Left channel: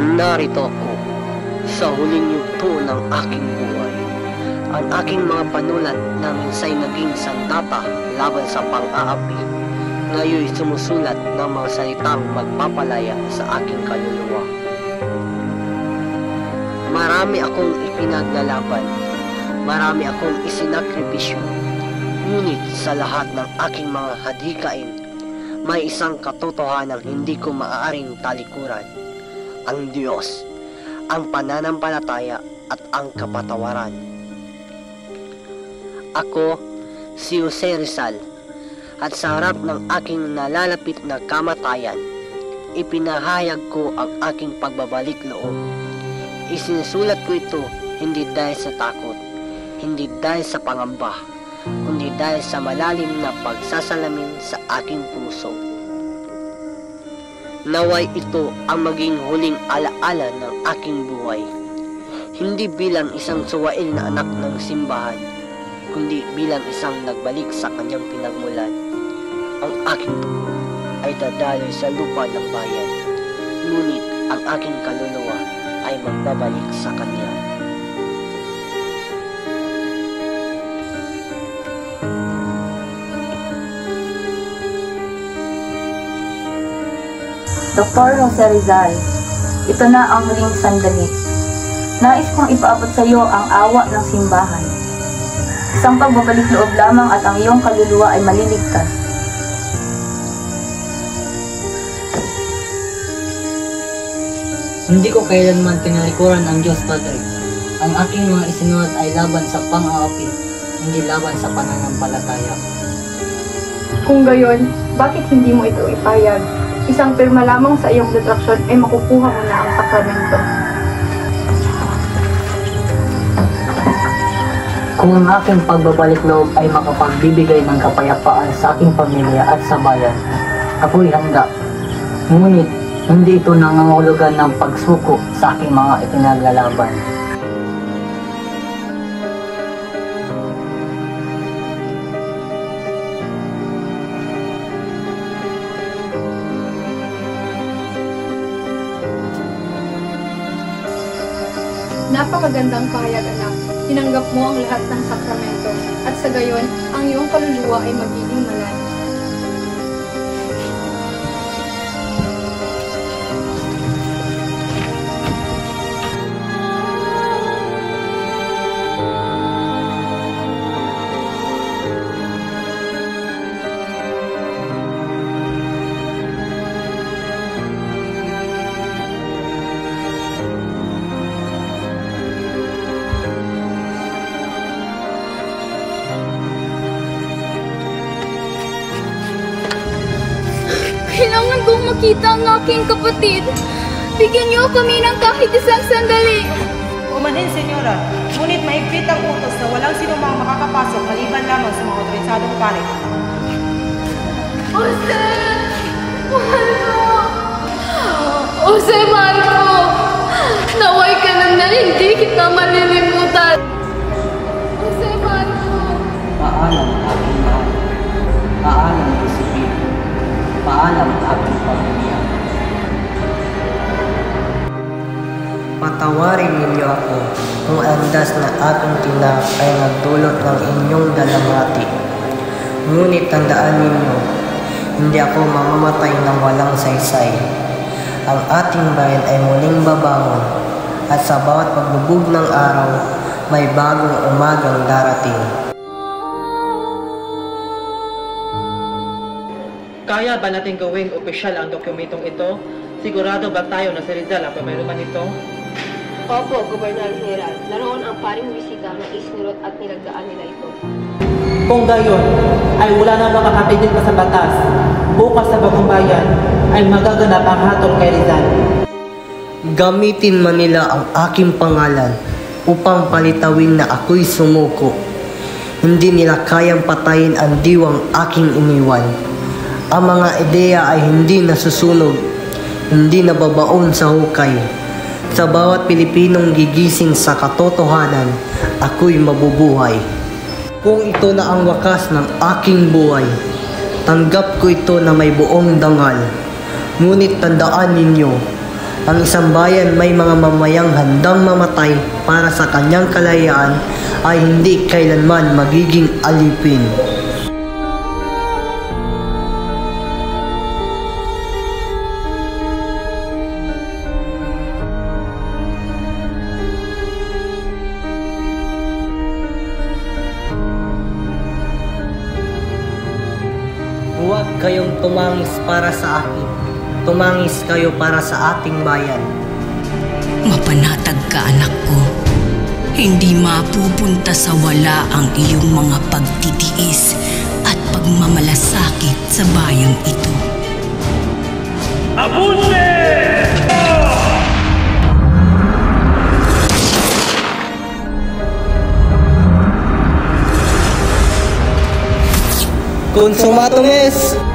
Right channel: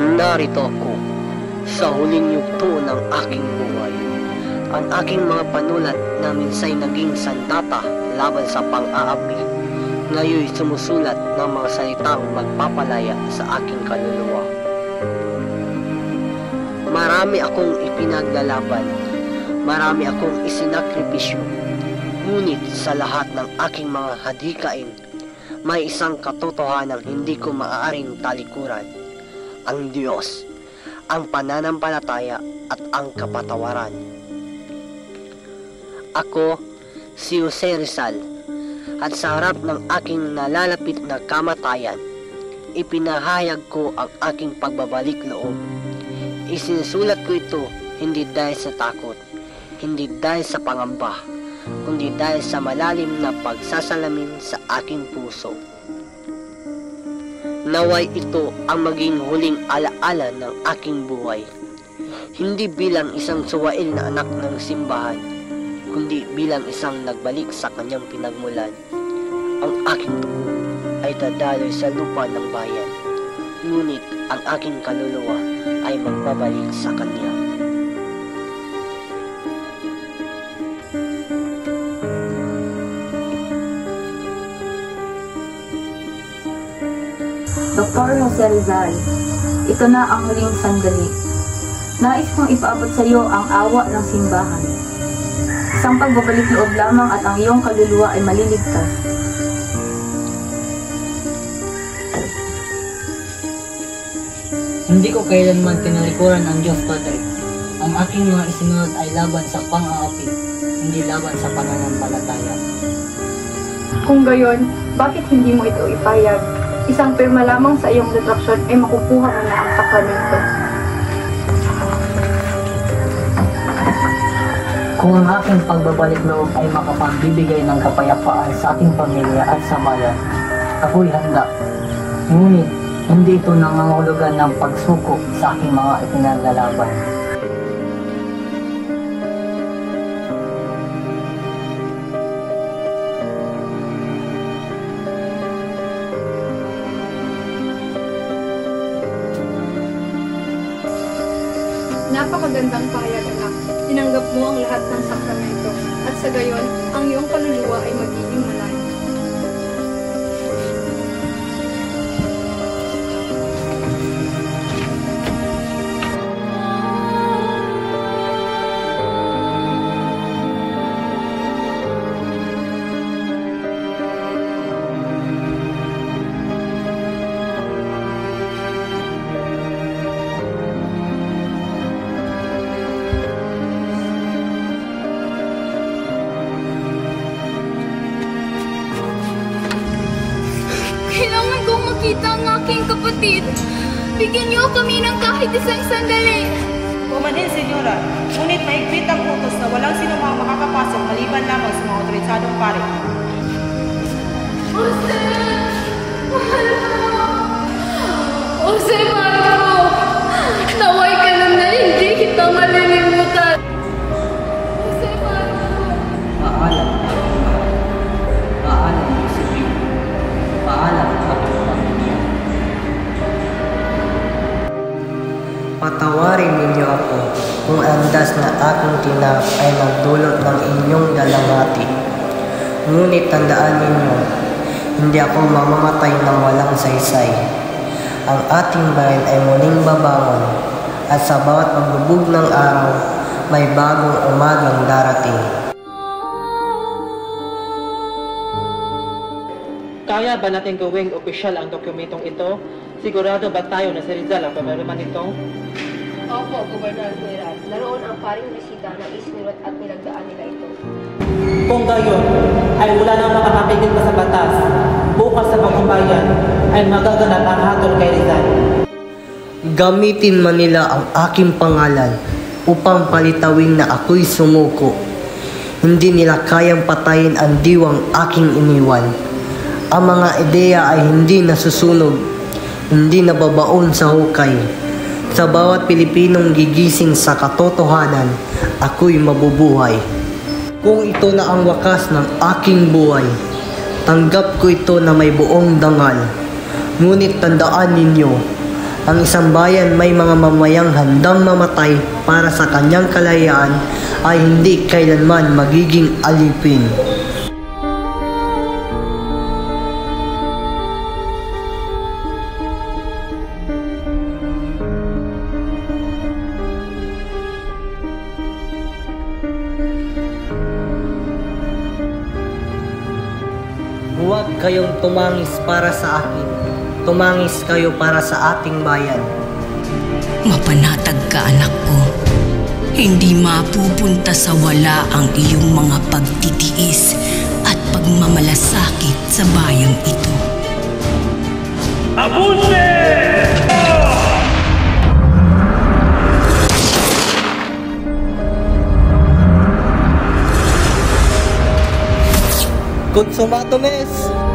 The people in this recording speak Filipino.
Narito ako sa huling yugto ng aking buhay. Ang aking mga panulat na minsay naging sandata laban sa pang-aapi, ngayon sumusulat ng mga salitang magpapalaya sa aking kaluluwa. Marami akong ipinaglalaban, marami akong isinakripisyo, ngunit sa lahat ng aking mga hadikain, may isang katotohanang hindi ko maaaring talikuran: ang Diyos, ang pananampalataya at ang kapatawaran. Ako, si Jose Rizal, at sa harap ng aking nalalapit na kamatayan, ipinahayag ko ang aking pagbabalik loob. Isinusulat ko ito hindi dahil sa takot, hindi dahil sa pangamba, kundi dahil sa malalim na pagsasalamin sa aking puso. Naway ito ang maging huling alaala ng aking buhay, hindi bilang isang suwail na anak ng simbahan, kundi bilang isang nagbalik sa kanyang pinagmulan. Ang aking dugo ay dadaloy sa lupa ng bayan, ngunit ang aking kaluluwa ay magbabalik sa kanya. Dr. Jose Rizal, ito na ang huling sandali. Nais kong ipaabot sa iyo ang awa ng simbahan. Isang pagbabalik loob lamang at ang iyong kaluluwa ay maliligtas. Hindi ko kailanman tinalikuran ang Diyos, Padre. Ang aking mga isinulat ay laban sa pang-aapi, hindi laban sa pananampalataya. Kung gayon, bakit hindi mo ito ipayag? Isang pirma lamang sa iyong detraksyon ay makukuha mo na ang sakramento. Kung ang aking pagbabalik loob ay makapagbibigay ng kapayapaan sa aking pamilya at sa bayan, ako'y handa. Ngunit, hindi ito nangangahulugan ng pagsuko sa aking mga ipinaglalaban. Napakagandang pahayag, anak. Tinanggap mo ang lahat ng sakramento at sa gayon, ang iyong kaluluwa ay magiging malayo. Kailangan kong makita ang aking kapatid. Bigyan niyo kami ng kahit isang sandali. Umanhin, Senyora. Ngunit mahigpit ang utos na walang sinumang makakapasok maliban lamang sa mga otorisadong pare. Jose! Mahal ko! Jose, mahal ko! Naway ka lang na hindi kita malilimutan. Jose, mahal ko! Paalam, aking mahal. Paalam, Isabel. Paalam, aking pamilya. Patawarin ninyo ako kung andas na aking tinap ay nagdulot ng inyong dalamhati. Ngunit tandaan ninyo, hindi ako mamamatay ng walang saysay. Ang ating bayan ay muling babangon at sa bawat paglubog ng araw, may bagong umagang darating. Kaya ba natin gawing opisyal ang dokumentong ito? Sigurado ba tayo na si Rizal ang pamaruman nito? Opo, Gobernador General. Naroon ang paring bisita na isinurot at nilagdaan nila ito. Kung gayon, ay wala nang makakatigil pa sa batas. Bukas sa bagong bayan ay magaganap ang hatol kay Rizal. Gamitin man nila ang aking pangalan upang palitawin na ako'y sumuko. Hindi nila kayang patayin ang diwang aking iniwan. Ang mga ideya ay hindi nasusunog, hindi nababaon sa hukay. Sa bawat Pilipinong gigising sa katotohanan, ako'y mabubuhay. Kung ito na ang wakas ng aking buhay, tanggap ko ito na may buong dangal. Ngunit tandaan ninyo, Ang isang bayan may mga mamayang handang mamatay para sa kanyang kalayaan ay hindi kailanman magiging alipin. Huwag kayong tumangis para sa akin. Tumangis kayo para sa ating bayan. Mapanatag ka, anak ko. Hindi mapupunta sa wala ang iyong mga pagtitiis at pagmamalasakit sa bayang ito. Abunde! Consumatones!